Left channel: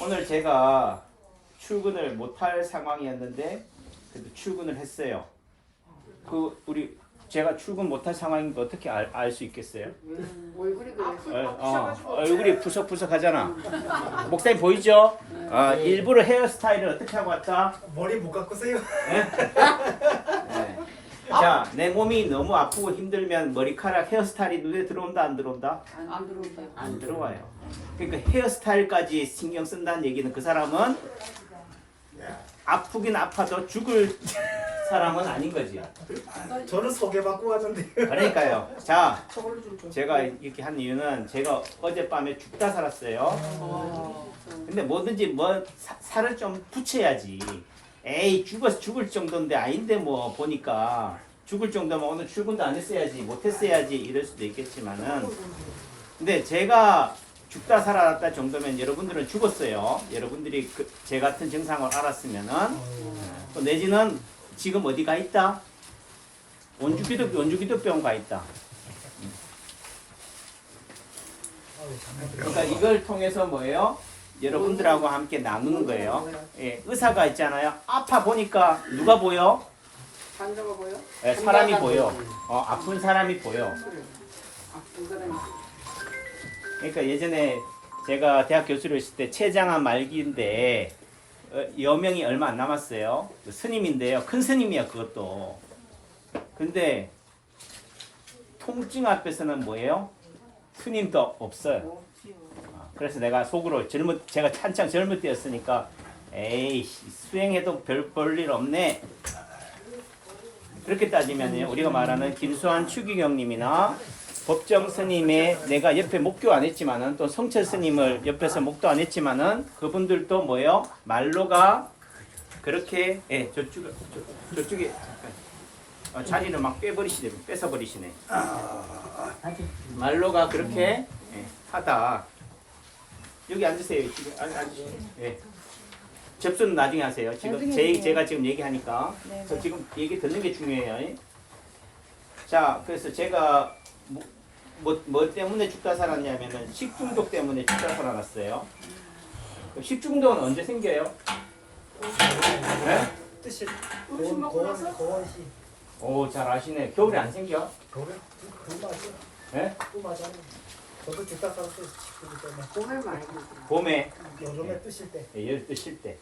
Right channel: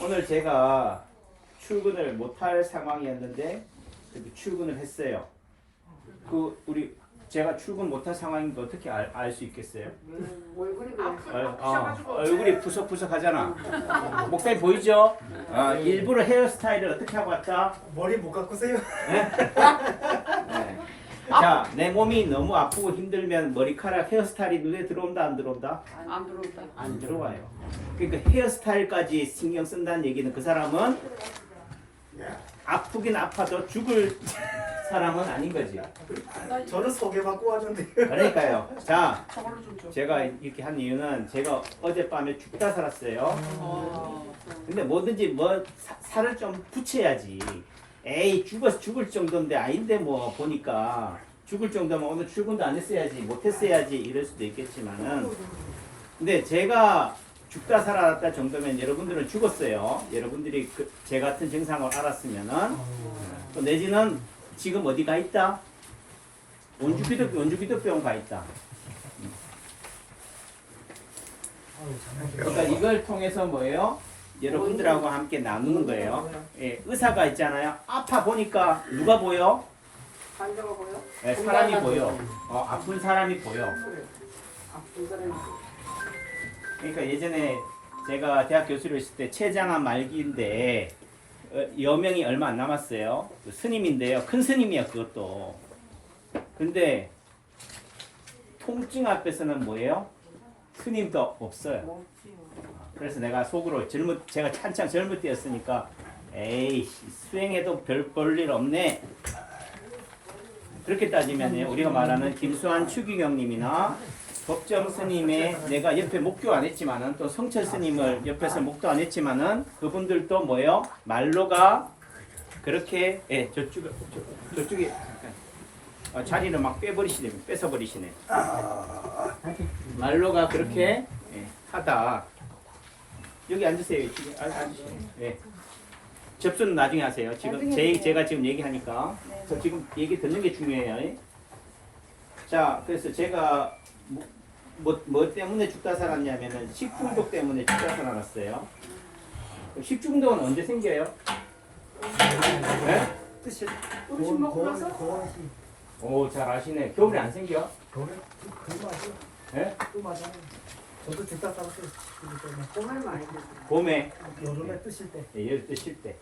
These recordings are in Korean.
오늘 제가 출근을 못할 상황이었는데 그래도 출근을 했어요. 제가 출근 못할 상황인 거 어떻게 알 수 있겠어요? 얼굴이 그래. 얼굴이 푸석푸석하잖아. 목사님 보이죠? 일부러 헤어스타일을 어떻게 하고 왔다? 머리 못 깎으세요? 네. 자, 내 몸이 너무 아프고 힘들면 머리카락 헤어스타일이 눈에 들어온다 안 들어온다? 안 들어온다. 안 들어와요. 그러니까 헤어스타일까지 신경 쓴다는 얘기는 그 사람은 아프긴 아파도 죽을 사람은 아닌 거지. 저는 소개받고 왔는데. 그러니까요. 자, 제가 이렇게 한 이유는 제가 어젯밤에 죽다 살았어요. 근데 뭐든지 살을 좀 붙여야지. 에이, 죽을 정도인데 아닌데 뭐 보니까 죽을 정도면 오늘 출근도 안 했어야지, 못 했어야지 이럴 수도 있겠지만은, 근데 제가 죽다 살았다 정도면 여러분들은 죽었어요. 여러분들이 제 같은 증상을 알았으면은, 또 내지는 지금 어디 가 있다? 원주기도병 가 있다. 그러니까 이걸 통해서 뭐예요? 여러분들하고 함께 나누는 거예요. 예, 의사가 있잖아요. 아파 보니까 누가 보여? 환자가 보여? 예, 사람이 보여. 아픈 사람이 보여. 아픈 사람이. 그러니까 예전에 제가 대학 교수로 있을 때 췌장암 말기인데 여명이 얼마 안 남았어요. 그 스님인데요. 큰 스님이야 그것도. 근데 통증 앞에서는 뭐예요? 스님도 없어요. 그래서 내가 속으로 제가 한창 젊을 때였으니까 에이 수행해도 별 볼 일 없네. 그렇게 따지면 우리가 말하는 김수환 추기경님이나 법정 스님의 내가 옆에 목교 안 했지만은 또 성철 스님을 옆에서 목도 안 했지만은 그분들도 뭐예요? 말로가 그렇게 저쪽에 잠깐 자리를 막 뺏어버리시네. 말로가 그렇게 하다. 여기 앉으세요. 앉으세요. 네. 접수는 나중에 하세요. 지금 제가 지금 얘기하니까 저 지금 얘기 듣는 게 중요해요. 자, 그래서 제가 뭐 때문에 죽다 살았냐면은 식중독 때문에 죽다 살아났어요. 식중독은 언제 생겨요? 네? 뜻이 음식 먹고 나서? 고원시. 오, 잘 아시네. 겨울에 안 생겨? 그래? 그 맞아. 네? 또 맞아. 저도 죽다 살았어요. 봄에 많이 들어. 봄에 요즘에 뜨실 때. 열 뜨실 때.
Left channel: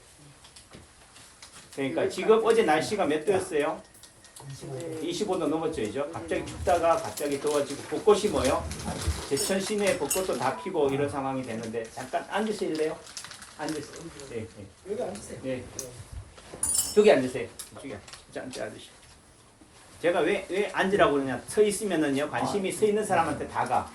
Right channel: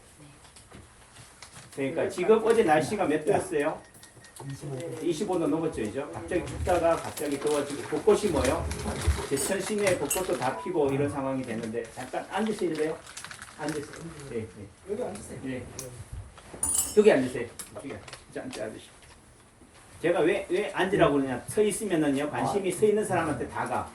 그러니까 지금 어제 날씨가 몇 도였어요? 25도. 25도 넘었죠, 이죠? 갑자기 춥다가 갑자기 더워지고 벚꽃이 뭐요? 제천 시내에 벚꽃도 다 피고 이런 상황이 되는데 잠깐 앉으실래요? 앉으세요. 네, 네. 여기 앉으세요. 네. 저기 앉으세요. 저기 앉으시고. 제가 왜 앉으라고 그러냐? 서 있으면은요 관심이 서 있는 사람한테 다 가.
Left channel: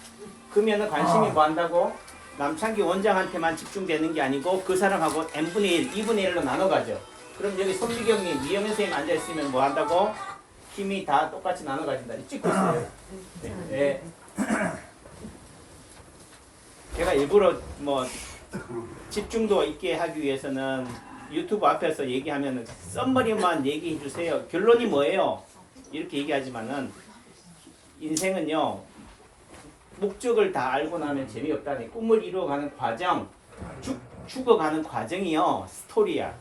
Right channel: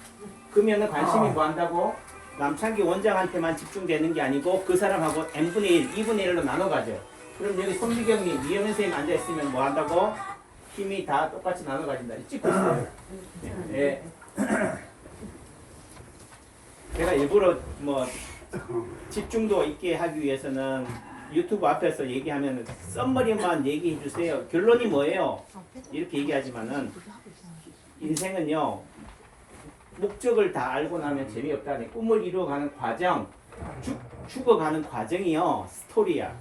그러면은 관심이 뭐 한다고? 남창기 원장한테만 집중되는 게 아니고 그 사람하고 n분의 1, 2분의 1로 나눠가죠. 그럼 여기 손미경님, 이영은 선생님 앉아있으면 뭐 한다고? 힘이 다 똑같이 나눠가진다. 찍고 있어요. 네. 제가 일부러 뭐 집중도 있게 하기 위해서는 유튜브 앞에서 얘기하면 썸머리만 얘기해 주세요. 결론이 뭐예요? 이렇게 얘기하지만은 인생은요 목적을 다 알고 나면 재미없다니 꿈을 이루어가는 과정, 죽어가는 과정이요 스토리야.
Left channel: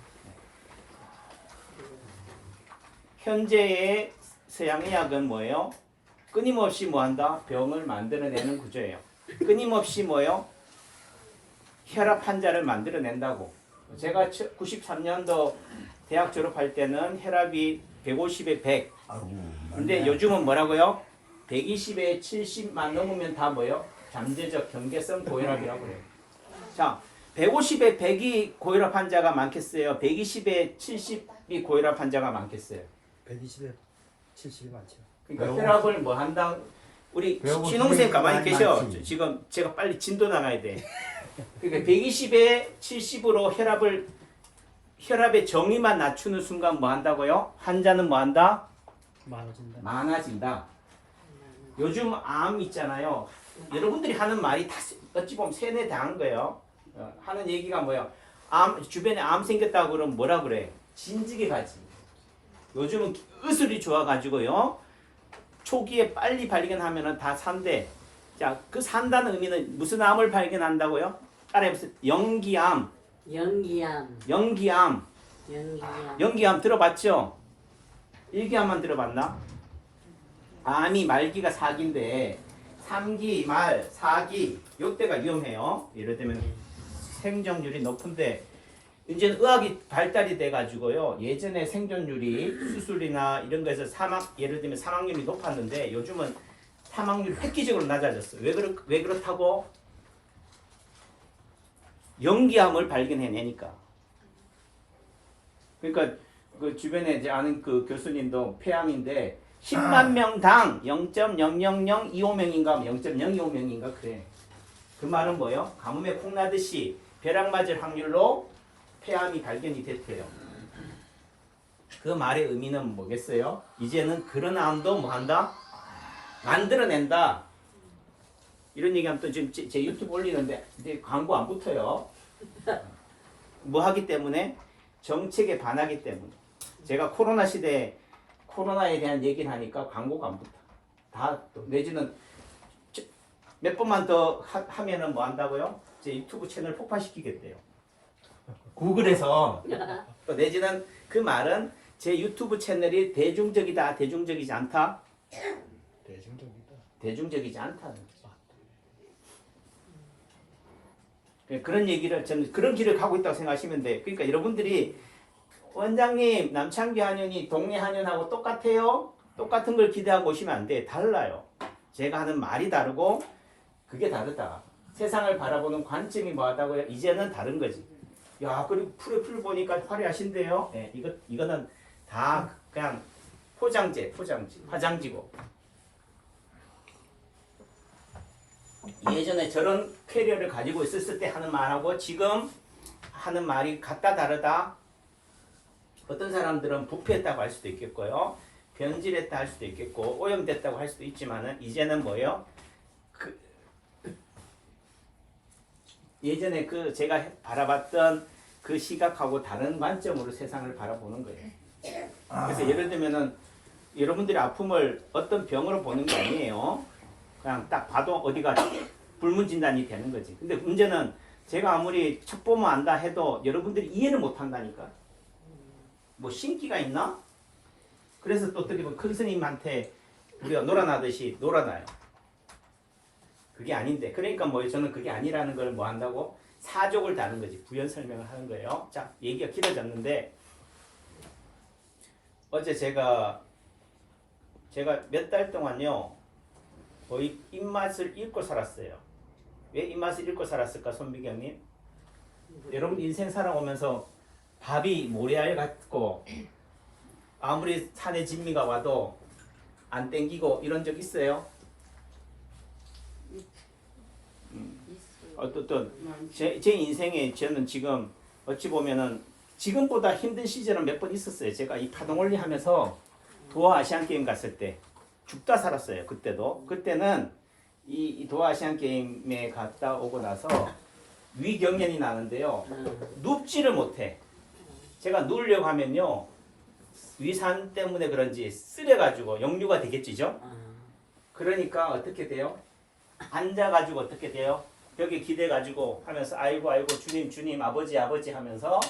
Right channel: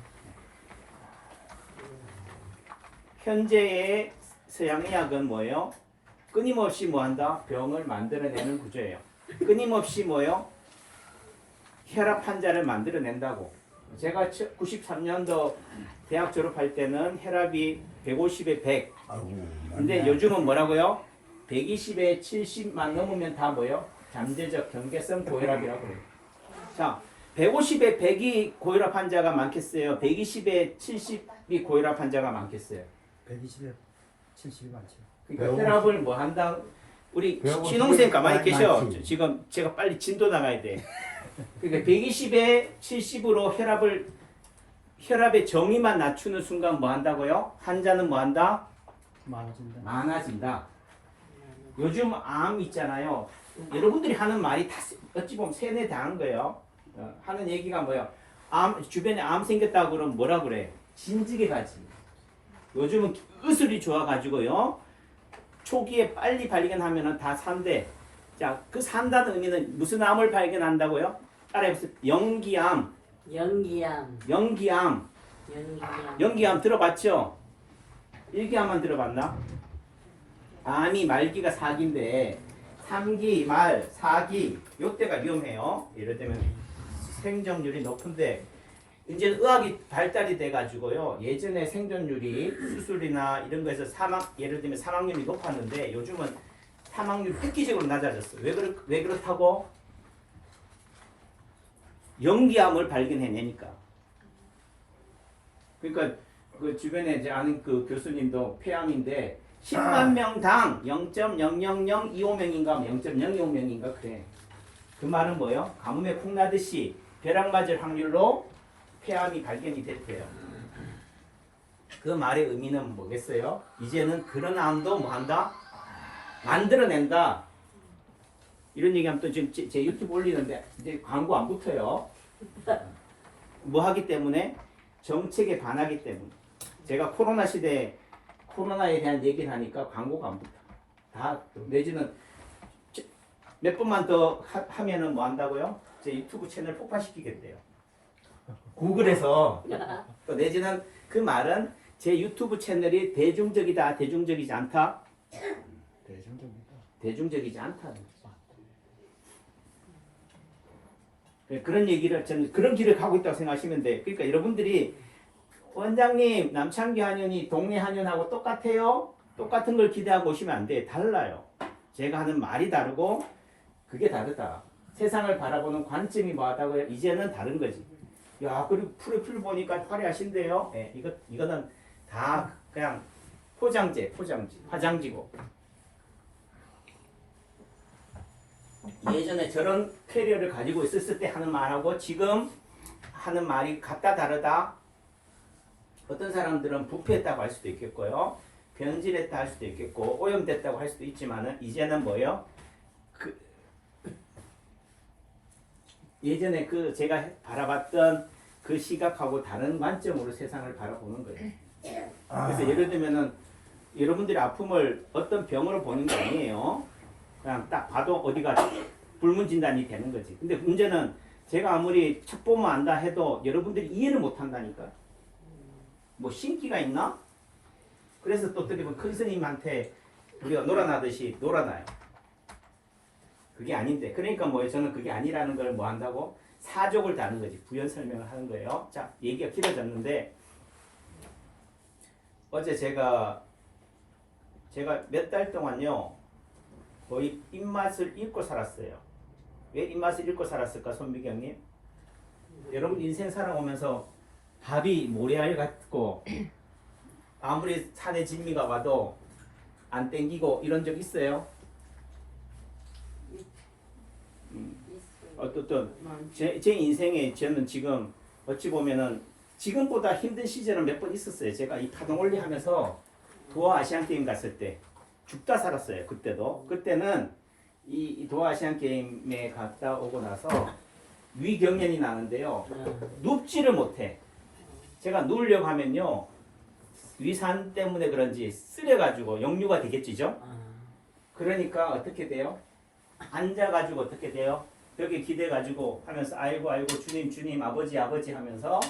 현재의 서양의학은 뭐예요? 끊임없이 뭐한다? 병을 만들어내는 구조예요. 끊임없이 뭐예요? 혈압 환자를 만들어낸다고. 제가 93년도 대학 졸업할 때는 혈압이 150에 100. 근데 요즘은 뭐라고요? 120에 70만 넘으면 다 뭐예요? 잠재적 경계성 고혈압이라고 그래요. 자, 150에 100이 고혈압 환자가 많겠어요? 120에 70이 고혈압 환자가 많겠어요? 120에 70이 많죠. 그러니까 혈압을 뭐 한다. 우리 신홍쌤 가만히 계셔. 지금 제가 빨리 진도 나가야 돼. 그러니까 120에 70으로 혈압의 정의만 낮추는 순간 뭐 한다고요? 환자는 뭐 한다? 많아진다. 요즘 암 있잖아요. 여러분들이 하는 말이 다 어찌 보면 세뇌 당한 거예요. 하는 얘기가 뭐야? 주변에 암 생겼다고 그러면 뭐라 그래? 진지게 가지. 요즘은 의술이 좋아가지고요. 초기에 빨리 발견하면은 다 산대. 자, 그 산다는 의미는 무슨 암을 발견한다고요? 따라해보세요. 연기암. 연기암. 연기암. 연기암. 연기암 들어봤죠? 일기암만 들어봤나? 암이 말기가 4기인데 3기, 말, 4기 요때가 위험해요. 예를 들면 생존율이 높은데 이제는 의학이 발달이 돼가지고요. 예전에 생존율이 수술이나 이런 거에서 예를 들면 사망률이 높았는데 요즘은 사망률이 획기적으로 낮아졌어요. 왜 그렇다고? 연기암을 발견해내니까. 그러니까 그 주변에 이제 아는 그 교수님도 폐암인데 10만 명당 0.000250명인가 0.025명인가 그래. 그 말은 뭐예요? 가뭄에 콩 나듯이 벼락 맞을 확률로 폐암이 발견이 됐대요. 그 말의 의미는 뭐겠어요? 이제는 그런 암도 뭐 한다? 만들어낸다. 이런 얘기하면 또 지금 제 유튜브 올리는데 이제 광고 안 붙어요. 뭐 하기 때문에? 정책에 반하기 때문에. 제가 코로나 시대에 코로나에 대한 얘기를 하니까 광고가 안 붙어. 다 내지는 몇 번만 더 하면은 뭐 한다고요? 제 유튜브 채널 폭파시키겠대요. 구글에서. 또 내지는 그 말은 제 유튜브 채널이 대중적이다, 대중적이지 않다? 대중적이다. 대중적이지 않다는 거죠. 그런 얘기를 저는 그런 길을 가고 있다고 생각하시면 돼. 그러니까 여러분들이 원장님 남창기 한의원이 동네 한의원하고 똑같아요? 똑같은 걸 기대하고 오시면 안 돼. 달라요. 제가 하는 말이 다르고 그게 다르다. 세상을 바라보는 관점이 뭐하다고요? 이제는 다른 거지. 야, 그리고 프로필 보니까 화려하신데요. 네, 이거는 다 그냥 포장지, 화장지고. 예전에 저런 캐리어를 가지고 있었을 때 하는 말하고 지금 하는 말이 같다 다르다. 어떤 사람들은 부패했다고 할 수도 있겠고요. 변질했다 할 수도 있겠고 오염됐다고 할 수도 있지만은 이제는 뭐예요? 예전에 그 제가 바라봤던 그 시각하고 다른 관점으로 세상을 바라보는 거예요. 그래서 예를 들면은 여러분들의 아픔을 어떤 병으로 보는 게 아니에요. 그냥 딱 봐도 어디가 불문 진단이 되는 거지. 근데 문제는 제가 아무리 책 보면 안다 해도 여러분들이 이해를 못 한다니까. 뭐 신기가 있나? 그래서 또 어떻게 보면 큰 스님한테 우리가 놀아나듯이 놀아나요. 그게 아닌데. 그러니까 뭐예요? 저는 그게 아니라는 걸 뭐 한다고? 사족을 다는 거지. 부연 설명을 하는 거예요. 자, 얘기가 길어졌는데 어제 제가 몇 달 동안요. 거의 입맛을 잃고 살았어요. 왜 입맛을 잃고 살았을까, 손미경님? 여러분 인생 살아오면서 밥이 모래알 같고 아무리 산에 진미가 와도 안 땡기고 이런 적 있어요? 어떤 제 인생에 저는 지금 어찌 보면은 지금보다 힘든 시절은 몇 번 있었어요. 제가 이 파동올리 하면서 도하 아시안 게임 갔을 때 죽다 살았어요. 그때는 이 도하 아시안 게임에 갔다 오고 나서 위경련이 나는데요. 눕지를 못해. 제가 누우려고 하면요. 위산 때문에 그런지 쓰려가지고 역류가 되겠지죠. 그러니까 어떻게 돼요? 앉아가지고 어떻게 돼요? 벽에 기대가지고 하면서 아이고 주님 아버지 하면서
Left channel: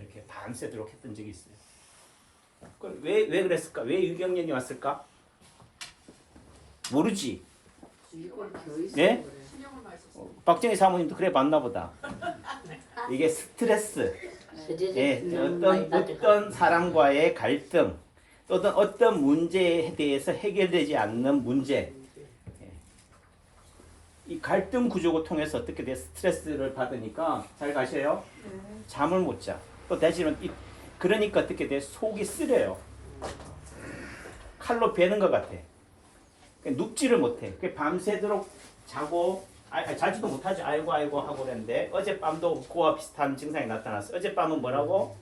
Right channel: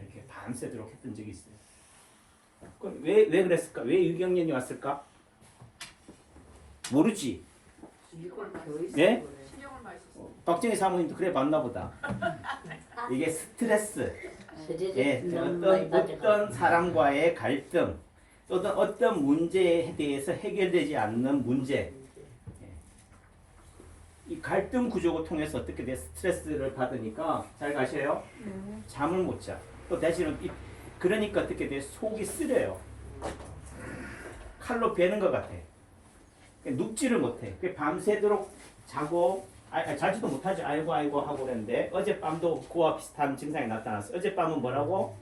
이렇게 밤새도록 했던 적이 있어요. 왜 그랬을까? 왜 위경련이 왔을까? 모르지. 예? 박정희 사모님도 그래 봤나 보다. 이게 스트레스. 예, 어떤 사람과의 갈등, 또는 어떤 문제에 대해서 해결되지 않는 문제. 이 갈등 구조를 통해서 어떻게 돼? 스트레스를 받으니까 잘 가셔요. 잠을 못 자. 또 대신에 그러니까 어떻게 돼? 속이 쓰려요. 칼로 베는 것 같아. 눕지를 못해. 밤새도록 자고 자지도 못하지. 아이고 하고 그랬는데 어젯밤도 그와 비슷한 증상이 나타났어. 어젯밤은 뭐라고?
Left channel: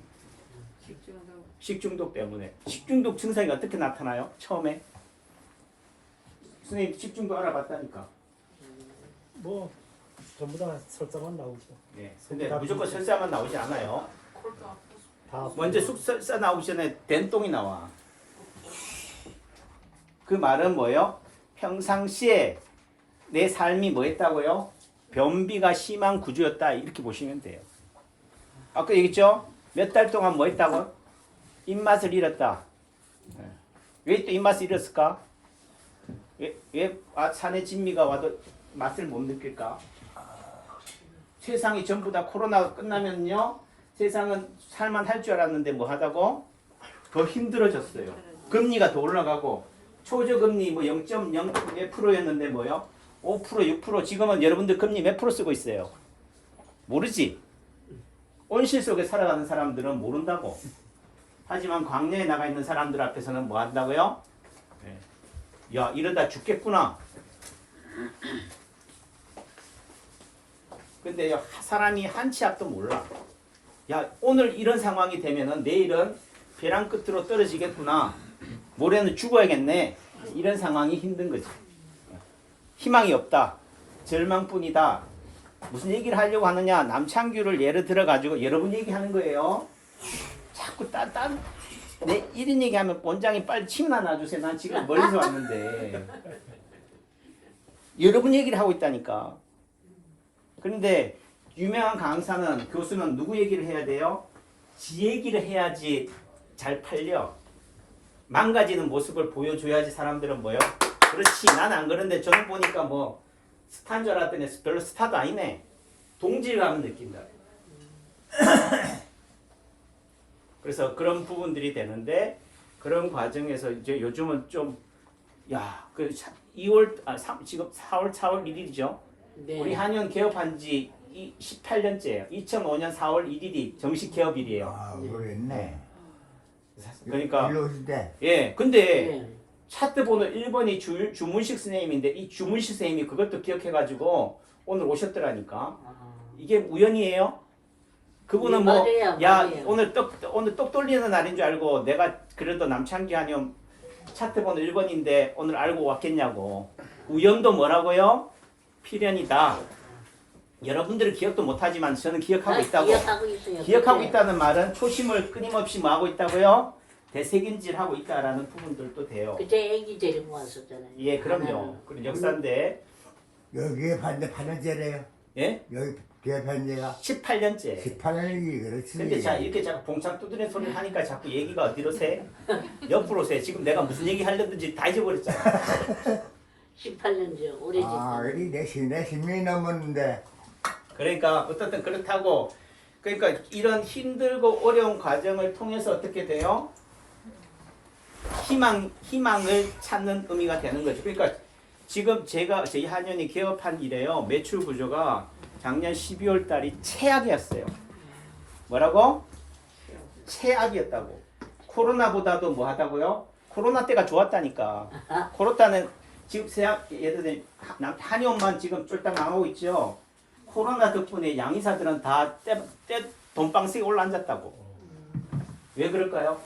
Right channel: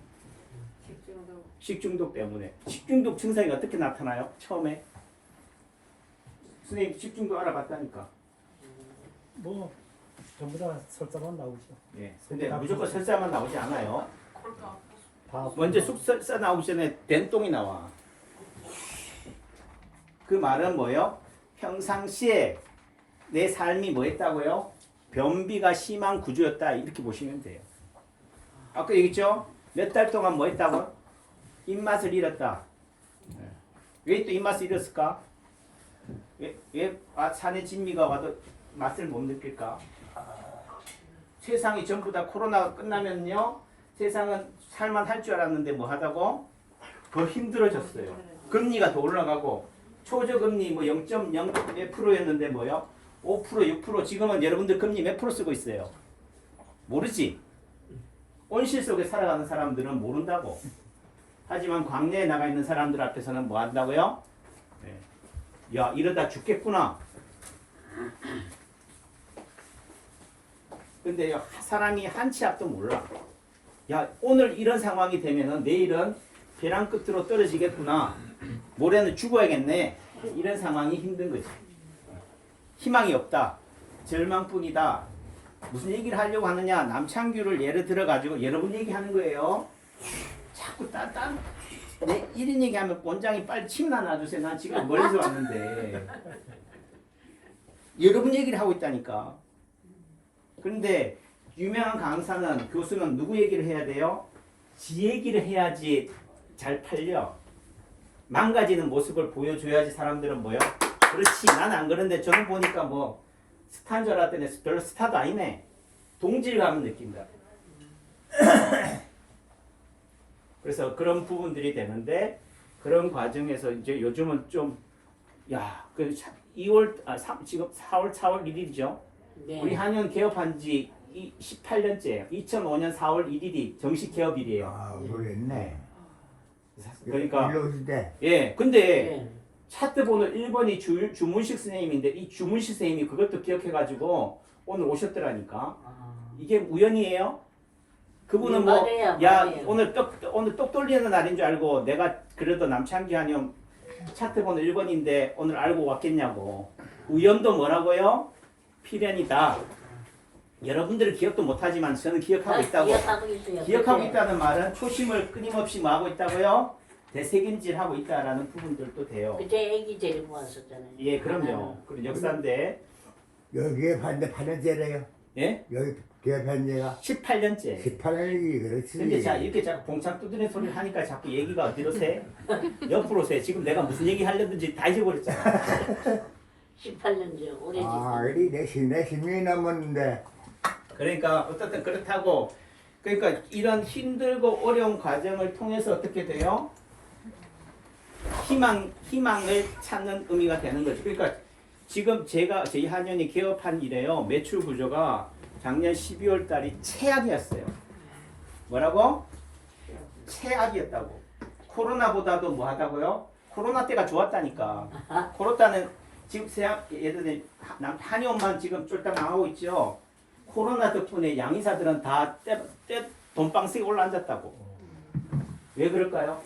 식중독 때문에. 식중독 증상이 어떻게 나타나요? 처음에 선생님 식중독 알아봤다니까. 뭐 전부 다 설사만 나오죠. 예. 근데 무조건 설사만 나오지 않아요. 다 먼저 설사 나오기 전에 된똥이 나와. 그 말은 뭐예요? 평상시에 내 삶이 뭐 했다고요? 변비가 심한 구조였다 이렇게 보시면 돼요. 아까 얘기했죠? 몇 달 동안 뭐 했다고? 입맛을 잃었다. 왜 또 입맛을 잃었을까? 왜 산에 진미가 와도 맛을 못 느낄까? 세상이 전부 다 코로나가 끝나면요, 세상은 살만할 줄 알았는데 뭐 하다고? 더 힘들어졌어요. 금리가 더 올라가고 초저금리 뭐 0.0%였는데 뭐요? 5%, 6%. 지금은 여러분들 금리 몇 프로 쓰고 있어요? 모르지? 온실 속에 살아가는 사람들은 모른다고. 하지만 광야에 나가 있는 사람들 앞에서는 뭐 한다고요? 네. 야, 이러다 죽겠구나. 근데 사람이 한 치 앞도 몰라. 야, 오늘 이런 상황이 되면은 내일은 벼랑 끝으로 떨어지겠구나. 모레는 죽어야겠네. 이런 상황이 힘든 거지. 희망이 없다. 절망뿐이다. 무슨 얘기를 하려고 하느냐? 남창규를 예를 들어 가지고 여러분 얘기하는 거예요. 자꾸 내 이런 얘기하면 원장이 빨리 침나 놔주세요. 난 지금 멀리서 왔는데. 여러분 얘기를 하고 있다니까. 그런데 유명한 강사는 교수는 누구 얘기를 해야 돼요? 지 얘기를 해야지 잘 팔려. 망가지는 모습을 보여줘야지 사람들은 뭐요? 그렇지, 나는 안 그런데 저는 보니까 뭐 스타인 줄 알았더니 별로 스타도 아니네. 동질감을 느낀다. 그래서 그런 부분들이 되는데 그런 과정에서 이제 요즘은 좀 그 지금 4월 1일이죠. 네. 우리 한의원 개업한 지 18년째예요. 2005년 4월 1일이 정식 개업일이에요. 아, 모르겠네. 그러니까 일로 오실 때. 예, 근데 네. 차트 번호 1번이 주문식 선생님인데 이 주문식 선생님이 그것도 기억해가지고 오늘 오셨더라니까. 아, 이게 우연이에요? 그분은 뭐 말이에요, 야 말이에요. 오늘 똑 돌리는 날인 줄 알고 내가 그래도 남창기 한의원 차트 번호 1번인데 오늘 알고 왔겠냐고. 우연도 뭐라고요? 필연이다. 여러분들은 기억도 못하지만 저는 기억하고 있다고. 기억하고 있다는 말은 초심을 끊임없이 뭐 하고 있다고요? 되새김질하고 있다라는 부분들도 돼요. 그때 애기 데리고 왔었잖아요. 예, 그럼요. 그런 역사인데, 여기에 봤는데 8년째래요. 예? 여기 개업한 지가 18년째. 18년이지, 그렇지. 근데 자 이렇게 자꾸 봉창 두드리는 소리를 하니까 자꾸 얘기가 어디로 새? 옆으로 새. 지금 내가 무슨 얘기 하려든지 다 잊어버렸잖아. 18년 전 우리 아, 그래, 내 10년이 넘었는데. 그러니까 어떻든 그렇다고. 그러니까 이런 힘들고 어려운 과정을 통해서 어떻게 돼요? 희망을 찾는 의미가 되는 거죠. 그러니까 지금 저희 한의원이 개업한 이래요. 매출 구조가 작년 12월 달이 최악이었어요. 뭐라고? 최악이었다고. 코로나보다도 뭐 하다고요? 코로나 때가 좋았다니까. 코로나는 지금 예를 들면 한의원만 지금 쫄딱 망하고 있죠. 코로나 덕분에 양의사들은 다 돈방석에 올라앉았다고. 왜 그럴까요?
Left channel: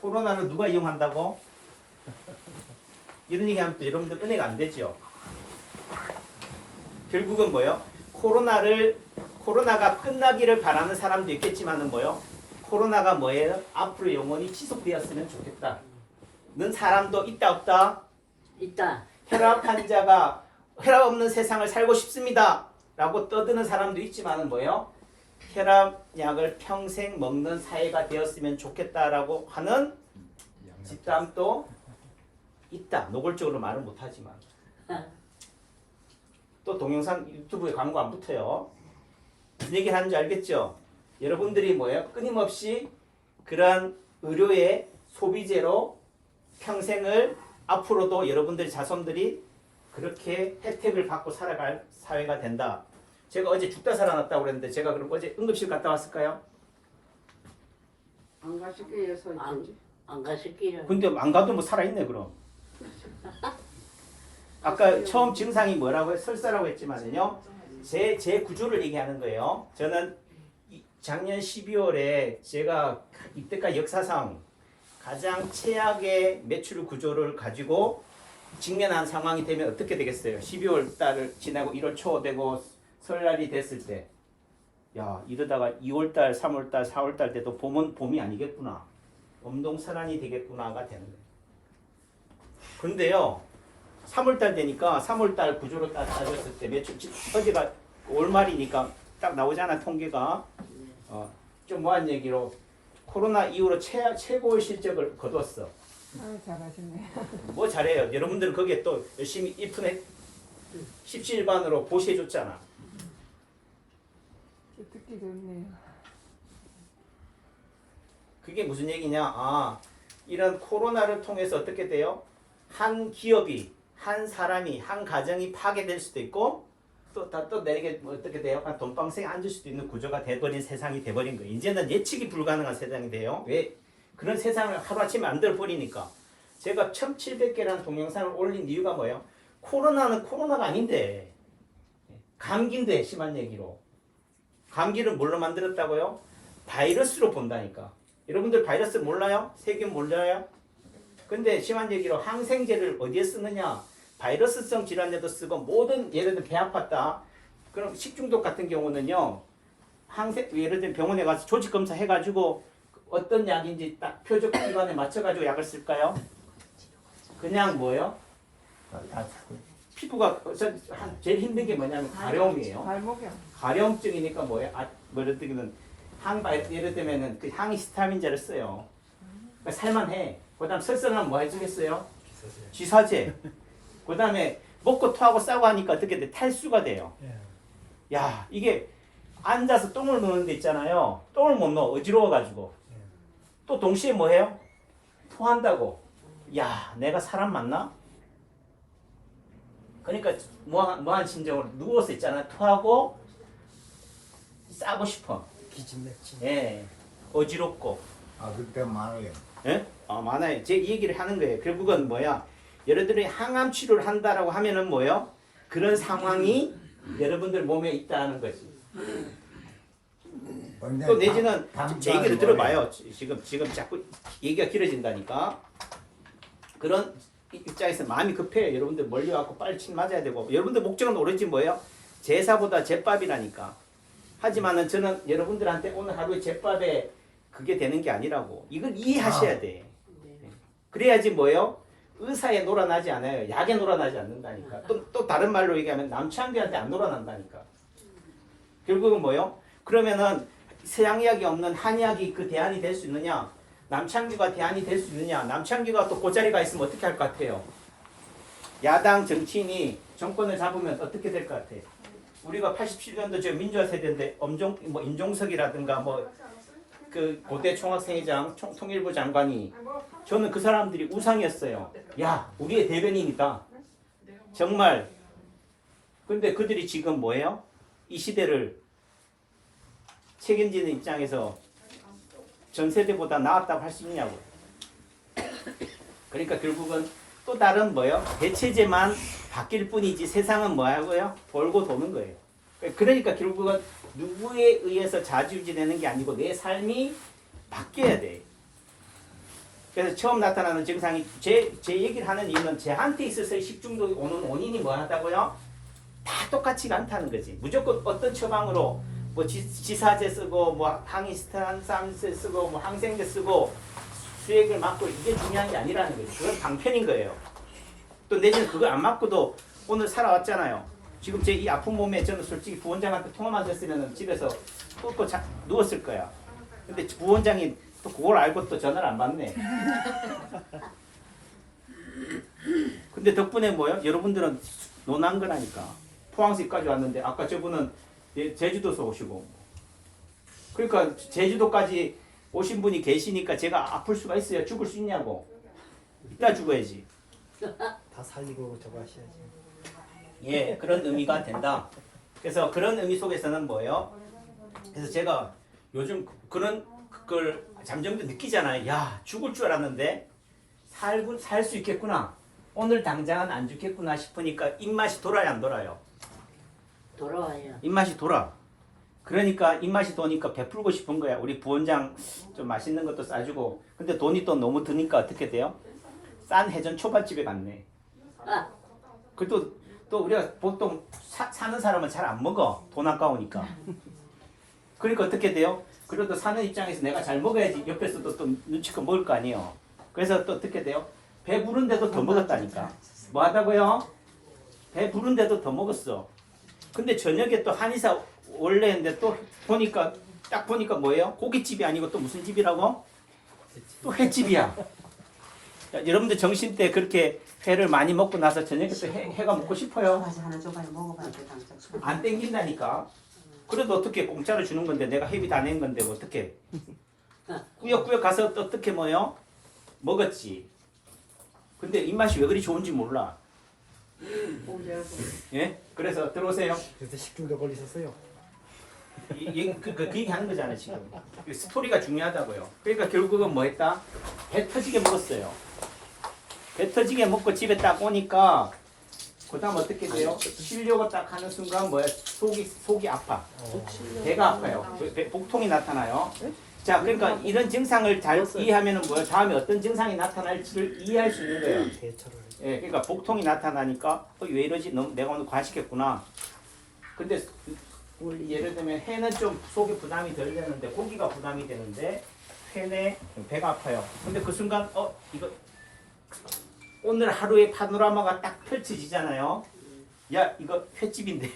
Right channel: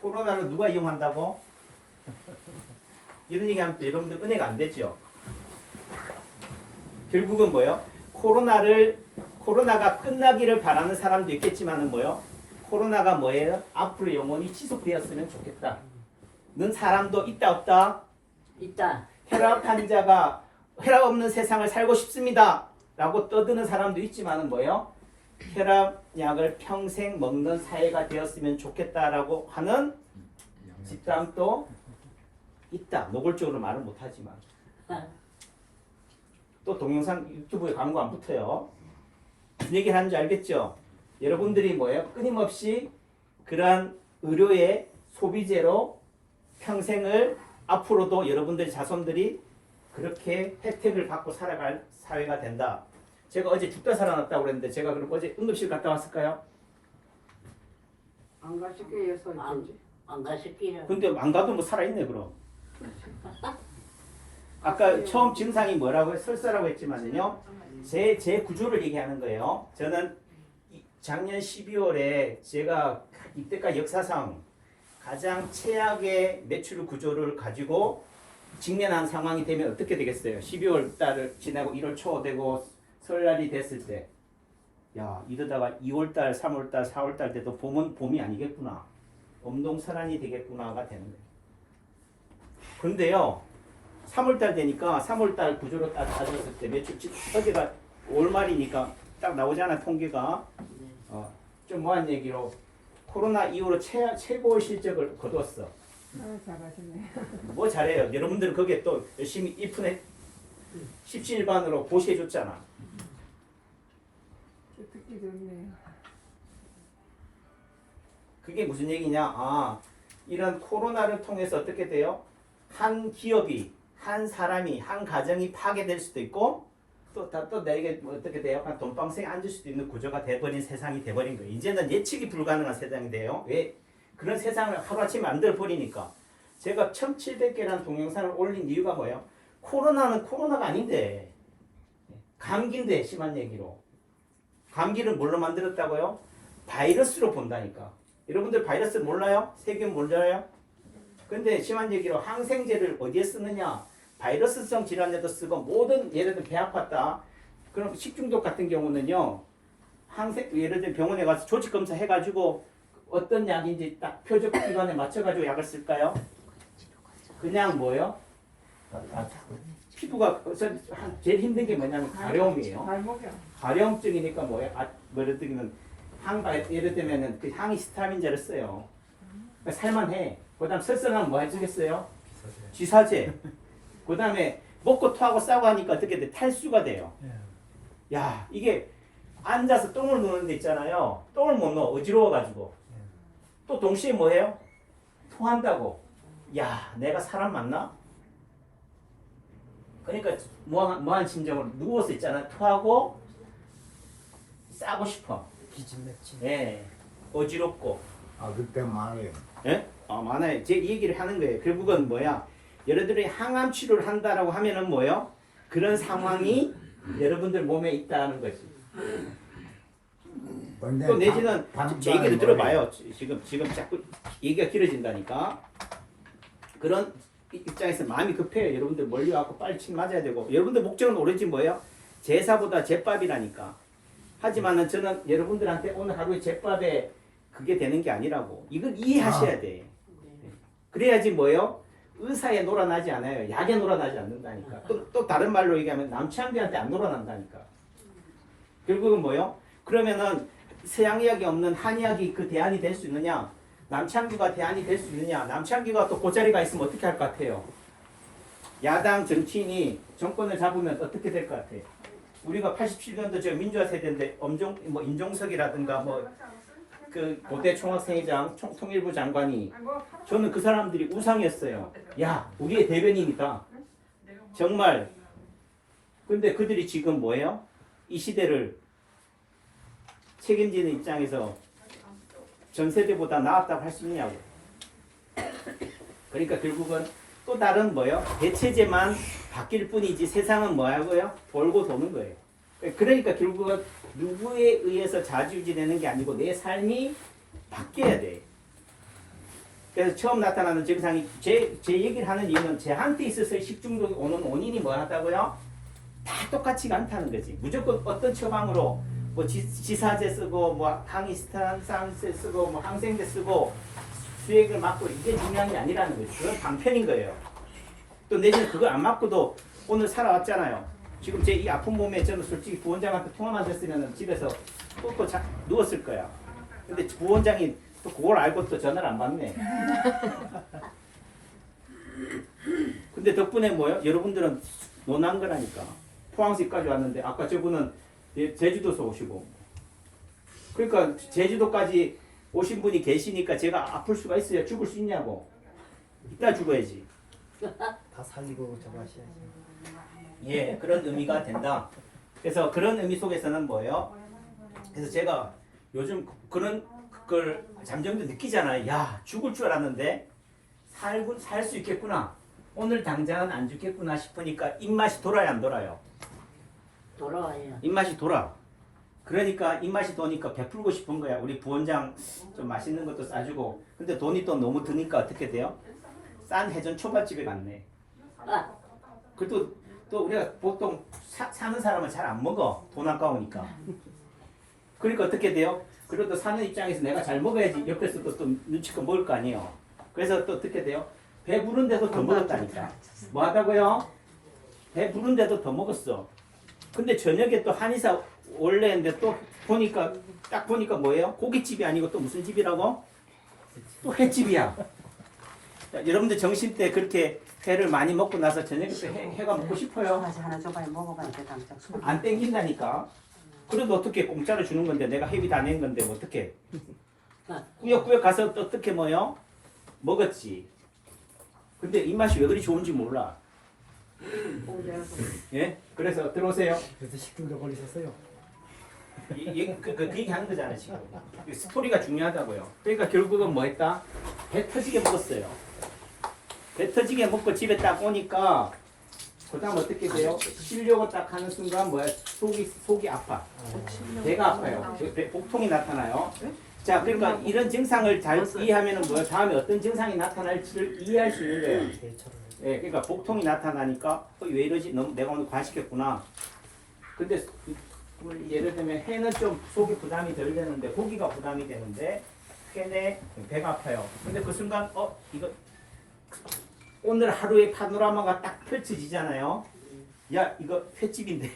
코로나를 누가 이용한다고? 이런 얘기하면 또 여러분들 은혜가 안 되죠. 결국은 뭐예요? 코로나가 끝나기를 바라는 사람도 있겠지만은 뭐예요? 코로나가 뭐예요? 앞으로 영원히 지속되었으면 좋겠다. 는 사람도 있다 없다? 있다. 혈압 환자가 혈압 없는 세상을 살고 싶습니다. 라고 떠드는 사람도 있지만은 뭐예요? 혈압약을 평생 먹는 사회가 되었으면 좋겠다라고 하는 집단도 있다. 노골적으로 말은 못하지만. 또 동영상 유튜브에 광고 안 붙어요. 무슨 얘기를 하는지 알겠죠? 여러분들이 뭐예요? 끊임없이 그러한 의료의 소비재로 평생을 앞으로도 여러분들 자손들이 그렇게 혜택을 받고 살아갈 사회가 된다. 제가 어제 죽다 살아났다고 그랬는데 제가 그럼 어제 응급실 갔다 왔을까요? 안 가실게 예서 있든지. 안 가실게요. 근데 안 가도 뭐 살아있네 그럼. 아까 처음 증상이 뭐라고 설사라고 했지만요. 제 구조를 얘기하는 거예요. 저는 작년 12월에 제가 이때까지 역사상 가장 최악의 매출 구조를 가지고 직면한 상황이 되면 어떻게 되겠어요? 12월 달을 지나고 1월 초 되고 설날이 됐을 때, 야 이러다가 2월 달, 3월 달, 4월 달 때도 봄이 아니겠구나, 엄동설한이 되겠구나가 되는 거예요. 그런데요, 3월달 되니까 3월달 구조로 따졌을 때 매출 어제가 월말이니까 딱 나오잖아 통계가. 좀 뭐한 얘기로 코로나 이후로 최고의 실적을 거뒀어. 잘하시네. 뭐 잘해요. 여러분들은 거기에 또 열심히 이푼에 17반으로 보시해줬잖아. 듣기 좋네요. 그게 무슨 얘기냐? 이런 코로나를 통해서 어떻게 돼요? 한 기업이, 한 사람이, 한 가정이 파괴될 수도 있고 또 내게 어떻게 돼요? 한 돈방석에 앉을 수도 있는 구조가 돼버린 세상이 돼버린 거예요. 이제는 예측이 불가능한 세상이 돼요. 왜? 그런 세상을 하루아침에 만들어버리니까. 제가 1700개라는 동영상을 올린 이유가 뭐예요? 코로나는 코로나가 아닌데 감기인데 심한 얘기로 감기를 뭘로 만들었다고요? 바이러스로 본다니까. 여러분들 바이러스 몰라요? 세균 몰라요? 근데 심한 얘기로 항생제를 어디에 쓰느냐? 바이러스성 질환에도 쓰고 모든 예를 들면 배 아팠다. 그럼 식중독 같은 경우는요. 예를 들면 병원에 가서 조직 검사 해가지고 어떤 약인지 딱 표적 기관에 맞춰가지고 약을 쓸까요? 그냥 뭐요? 피부가 제일 힘든 게 뭐냐면 가려움이에요. 발목이요. 가려움증이니까 뭐예요? 예를 들면 예를 들면은 그 항히스타민제를 써요. 그러니까 살만해. 그다음 설사하면 뭐 해주겠어요? 쥐사제. 그다음에 먹고 토하고 싸고 하니까 어떻게 돼? 탈수가 돼요. 예. 야 이게 앉아서 똥을 누는 데 있잖아요. 똥을 못 넣어 어지러워가지고. 또 동시에 뭐해요? 토한다고. 야 내가 사람 맞나? 그러니까 뭐한 심정으로 누워서 있잖아. 토하고 싸고 싶어. 기진맥진. 예, 어지럽고. 그때 많아요. 예? 많아요. 제 이 얘기를 하는 거예요. 결국은 뭐야? 여러분들이 항암 치료를 한다라고 하면은 뭐요? 그런 상황이 여러분들 몸에 있다는 거지. 또 내지는 제 얘기를 들어봐요. 지금 자꾸 얘기가 길어진다니까. 그런 입장에서 마음이 급해요. 여러분들 몰려갖고 빨리 침 맞아야 되고. 여러분들 목적은 오로지 뭐예요? 제사보다 제밥이라니까. 하지만은 저는 여러분들한테 오늘 하루에 제밥에 그게 되는 게 아니라고. 이걸 이해하셔야 돼. 그래야지 뭐예요? 의사에 놀아나지 않아요. 약에 놀아나지 않는다니까. 또 다른 말로 얘기하면 남창기한테 안 놀아난다니까. 결국은 뭐예요? 그러면은 서양의학이 없는 한의학이 그 대안이 될 수 있느냐? 남창규가 대안이 될 수 있느냐? 남창규가 또 그 자리가 있으면 어떻게 할 것 같아요? 야당 정치인이 정권을 잡으면 어떻게 될 것 같아요? 우리가 87년도 저 민주화 세대인데 임종석이라든가 그 고대 총학생회장 통일부 장관이 저는 그 사람들이 우상이었어요. 야 우리의 대변인이다. 정말. 근데 그들이 지금 뭐예요? 이 시대를 책임지는 입장에서 전 세대보다 나았다고 할 수 있냐고. 그러니까 결국은 또 다른 뭐예요? 대체제만 바뀔 뿐이지 세상은 뭐하고요? 돌고 도는 거예요. 그러니까 결국은 누구에 의해서 좌지우지되는 게 아니고 내 삶이 바뀌어야 돼. 그래서 처음 나타나는 증상이 제 얘기를 하는 이유는 제한테 있어서 식중독이 오는 원인이 뭐하다고요? 다 똑같지가 않다는 거지. 무조건 어떤 처방으로 뭐 지사제 쓰고 뭐 항히스타민제 쓰고 뭐 항생제 쓰고 수액을 맞고 이게 중요한 게 아니라는 거지. 그건 방편인 거예요. 또 내지는 그거 안 맞고도 오늘 살아왔잖아요. 지금 제 이 아픈 몸에 저는 솔직히 부원장한테 통화만 됐으면 집에서 꿇고 누웠을 거야. 근데 부원장이 또 그걸 알고 또 전화를 안 받네. 근데 덕분에 뭐요? 여러분들은 논한 거라니까. 포항시까지 왔는데 아까 저분은 제주도에서 오시고. 그러니까 제주도까지 오신 분이 계시니까 제가 아플 수가 있어요. 죽을 수 있냐고. 이따 죽어야지. 다 살리고 저거 하셔야지. 예, 그런 의미가 된다. 그래서 그런 의미 속에서는 뭐예요? 그래서 제가 요즘 그런 걸 잠정도 느끼잖아요. 야, 죽을 줄 알았는데 살 수 있겠구나. 오늘 당장은 안 죽겠구나 싶으니까 입맛이 돌아요, 안 돌아요? 돌아와요. 입맛이 돌아. 그러니까 입맛이 도니까 베풀고 싶은 거야. 우리 부원장 좀 맛있는 것도 싸주고. 근데 돈이 또 너무 드니까 어떻게 돼요? 싼 해전 초밥집에 갔네. 그래도 또 우리가 보통 사는 사람은 잘 안 먹어. 돈 아까우니까. 그러니까 어떻게 돼요? 그래도 사는 입장에서 내가 잘 먹어야지 옆에서도 또 눈치껏 먹을 거 아니에요. 그래서 또 어떻게 돼요? 배부른데도 더 먹었다니까. 뭐 하다고요? 배 부른데도 더 먹었어. 근데 저녁에 또 한의사 원래 했는데 또 보니까 딱 보니까 뭐예요? 고깃집이 아니고 또 무슨 집이라고? 또 횟집이야. 자, 여러분들 점심 때 그렇게 회를 많이 먹고 나서 저녁에 또 회가 먹고 싶어요? 다시 하나 줘봐요. 먹어봐야 돼 당장. 안 땡긴다니까. 그래도 어떻게 공짜로 주는 건데 내가 회비 다 낸 건데 뭐 어떻게? 꾸역꾸역 가서 또 어떻게 뭐요? 먹었지. 근데 입맛이 왜 그리 좋은지 몰라. 예? 그래서 들어오세요. 그래서 식중독 걸리셨어요. 그 얘기 하는 거잖아요 지금. 그 스토리가 중요하다고요. 그러니까 결국은 뭐 했다? 배 터지게 먹었어요. 배 터지게 먹고 집에 딱 오니까 그 다음 어떻게 돼요? 쉬려고 딱 하는 순간 뭐야? 속이 아파. 배가 아파요. 복통이 나타나요. 자, 그러니까 이런 증상을 잘 이해하면은 뭐야? 다음에 어떤 증상이 나타날지를 이해할 수 있는 거예요. 대처를. 예, 그러니까 복통이 나타나니까 왜 이러지? 너무 내가 오늘 과식했구나. 근데 예를 들면 회는 좀 속이 부담이 덜 되는데 고기가 부담이 되는데 회내 배가 아파요. 근데 그 순간 이거 오늘 하루의 파노라마가 딱 펼쳐지잖아요. 야 이거 횟집인데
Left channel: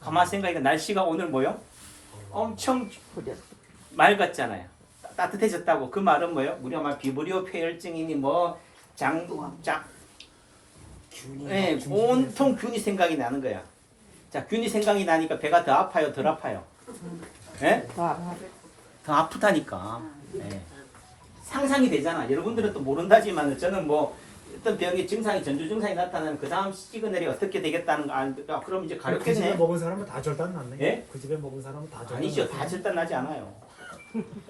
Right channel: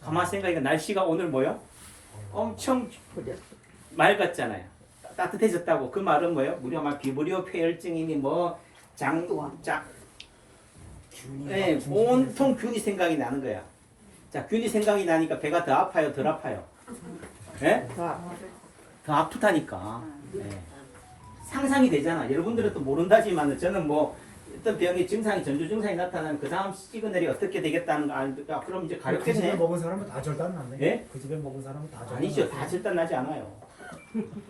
가만 생각하니까 날씨가 오늘 뭐요? 엄청 맑았잖아요. 따뜻해졌다고. 그 말은 뭐예요? 우리가 말 비브리오 폐혈증이니 뭐 네, 온통 균이 생각이 나는 거야. 자, 균이 생각이 나니까 배가 더 아파요, 덜 아파요? 예? 더 아프다니까. 예. 상상이 되잖아. 여러분들은 또 모른다지만 저는 뭐 어떤 병의 증상이 전조 증상이 나타나면 그 다음 시그널이 어떻게 되겠다는 거 알니까 그럼 이제 그 집에 가렵겠네. 먹은 사람은 다 절단 났네. 예? 그 집에 먹은 사람은 다 절단. 아니죠. 났어요. 다 절단 나지 않아요.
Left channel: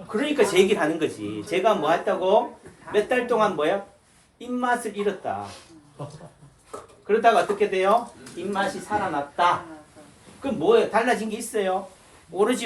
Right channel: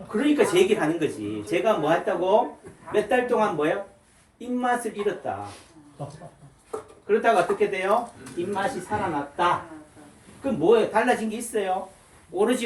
그러니까 제 얘기를 하는 거지. 제가 뭐 했다고? 몇 달 동안 뭐야? 입맛을 잃었다. 그러다가 어떻게 돼요? 입맛이 살아났다. 그럼 뭐예요? 달라진 게 있어요? 오로지